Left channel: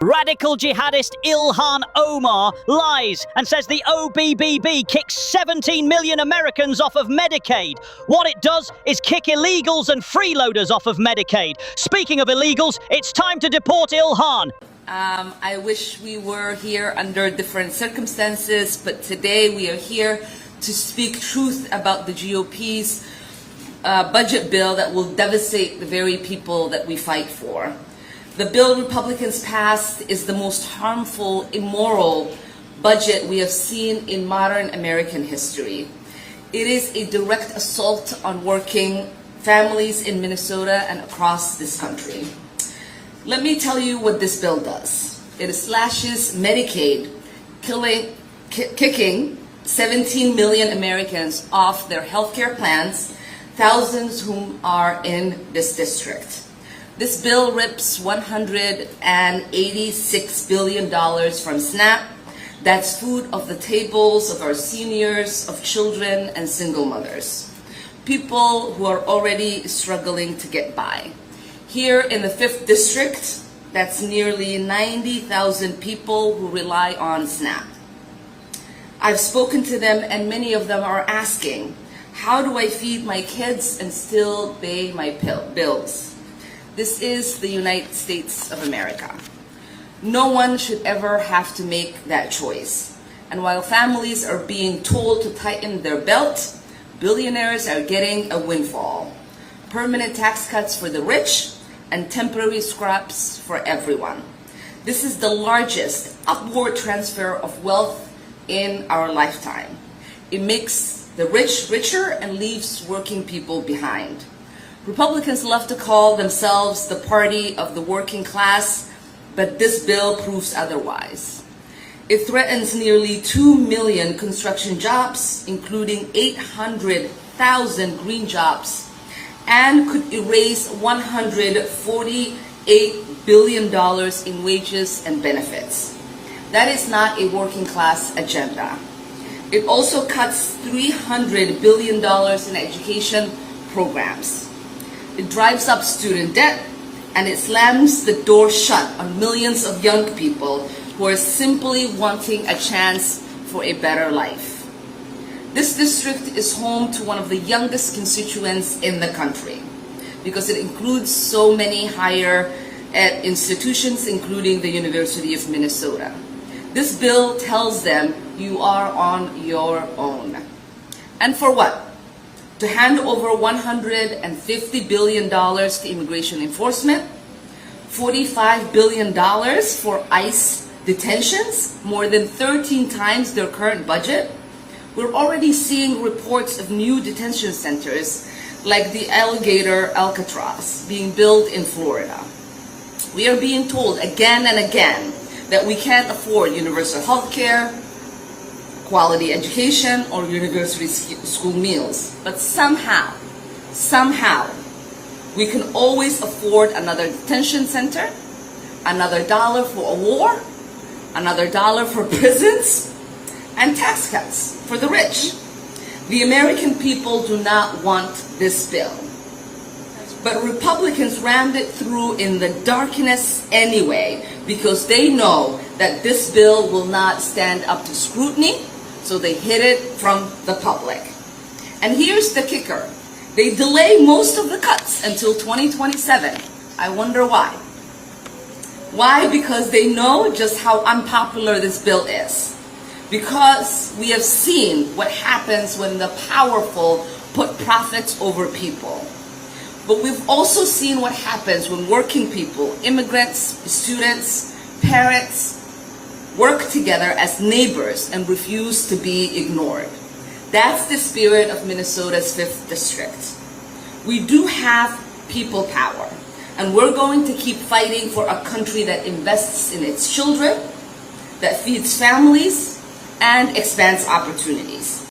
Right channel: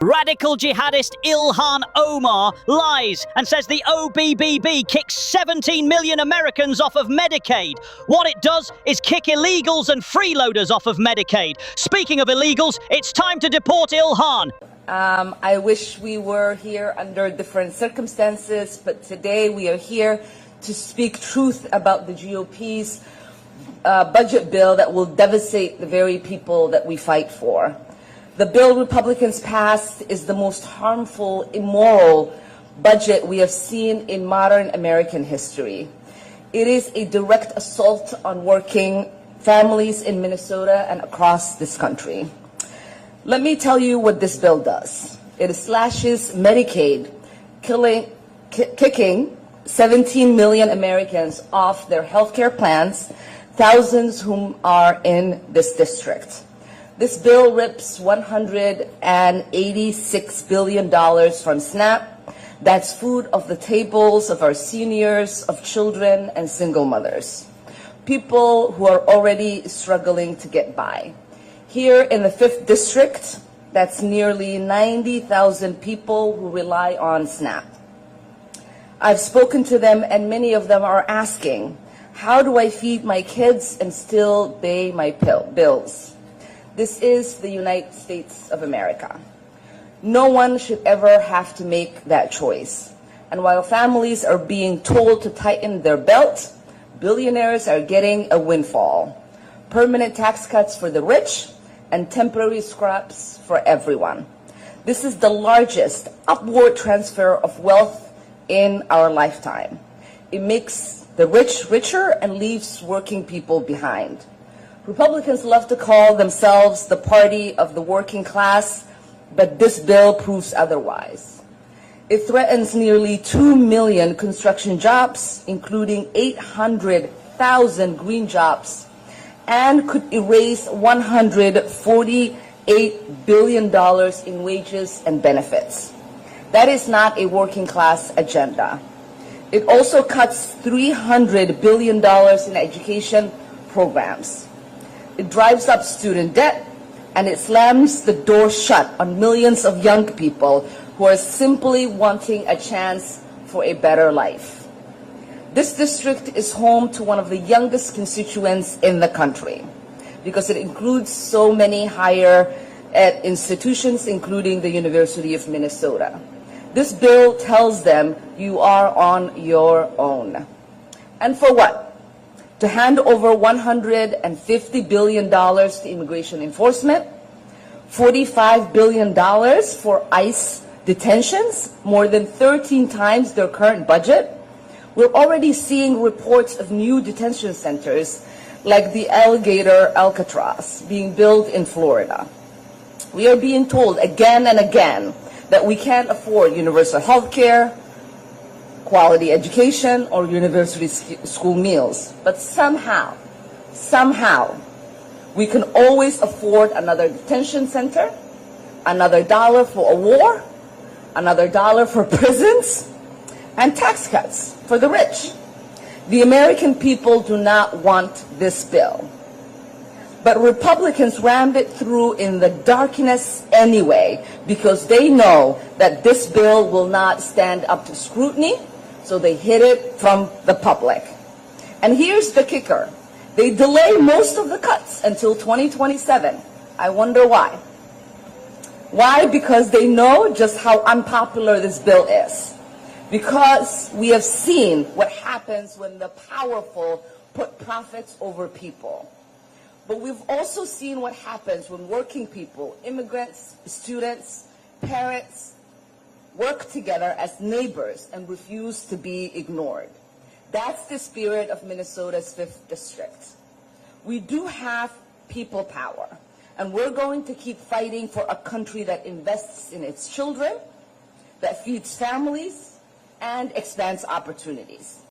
Radical jihadist Ilhan Omar lies and says the OBBB kicks 17 million Americans off of Medicaid. What it does is kick illegals and freeloaders off of Medicaid. Speaking of illegals, it's time to deport Ilhan. I wish we were here under different circumstances, but today we are here to speak truth about the GOP's budget bill that will devastate the very people that we fight for. The bill Republicans passed is the most harmful, immoral budget we have seen in modern American history. It is a direct assault on working families in Minnesota and across this country. Let me tell you what this bill does. It slashes Medicaid, kicking 17 million Americans off their health care plans, thousands whom are in this district. This bill rips $186 billion from SNAP. That's food off the tables of our seniors, of children, and single mothers. People who are already struggling to get by. Here in the 5th District, that's nearly 90,000 people who rely on SNAP. I've spoken to them, and many of them are asking, how do I feed my kids and still pay my bills? This is the United States of America. No one should ever have to make that choice. And while families are being told to tighten their belt, billionaires are getting a windfall. Permanent tax cuts for the rich and temporary scraps for everyone. This is the largest upward transfer of wealth in our lifetime. It makes the rich richer and leaves working people behind. Republicans love to call themselves the party of the working class, but this bill proves otherwise. It threatens nearly 2 million construction jobs, including 800,000 green jobs, and could erase $148 billion in wages and benefits. That is not a working class agenda. It also cuts $300 billion in education programs. It drives up student debt, and it slams the door shut on millions of young people who are simply wanting a chance for a better life. This district is home to one of the youngest constituents in the country because it includes so many higher ed institutions, including the University of Minnesota. This bill tells them you are on your own. And for what? To hand over $150 billion to immigration enforcement, $45 billion for ICE detentions, more than 13 times their current budget. We're already seeing reports of new detention centers like the alligator Alcatraz being built in Florida. We are being told again and again that we can't afford universal health care, quality education, or university school meals. But somehow, we can always afford another detention center, another dollar for a war, another dollar for prisons, and tax cuts for the rich. The American people do not want this bill. But Republicans rammed it through in the darkness anyway because they know that this bill will not stand up to scrutiny, so they hid it from the public. And here's the kicker. They delay most of the cuts until 2027. I wonder why. Why? Because they know just how unpopular this bill is. Because we have seen what happens when the powerful put profits over people. But we've also seen what happens when working people, immigrants, students, parents, work together as neighbors and refuse to be ignored. That's the spirit of Minnesota's 5th District. We do have people power, and we're going to keep fighting for a country that invests in its children, that feeds families, and expands opportunities.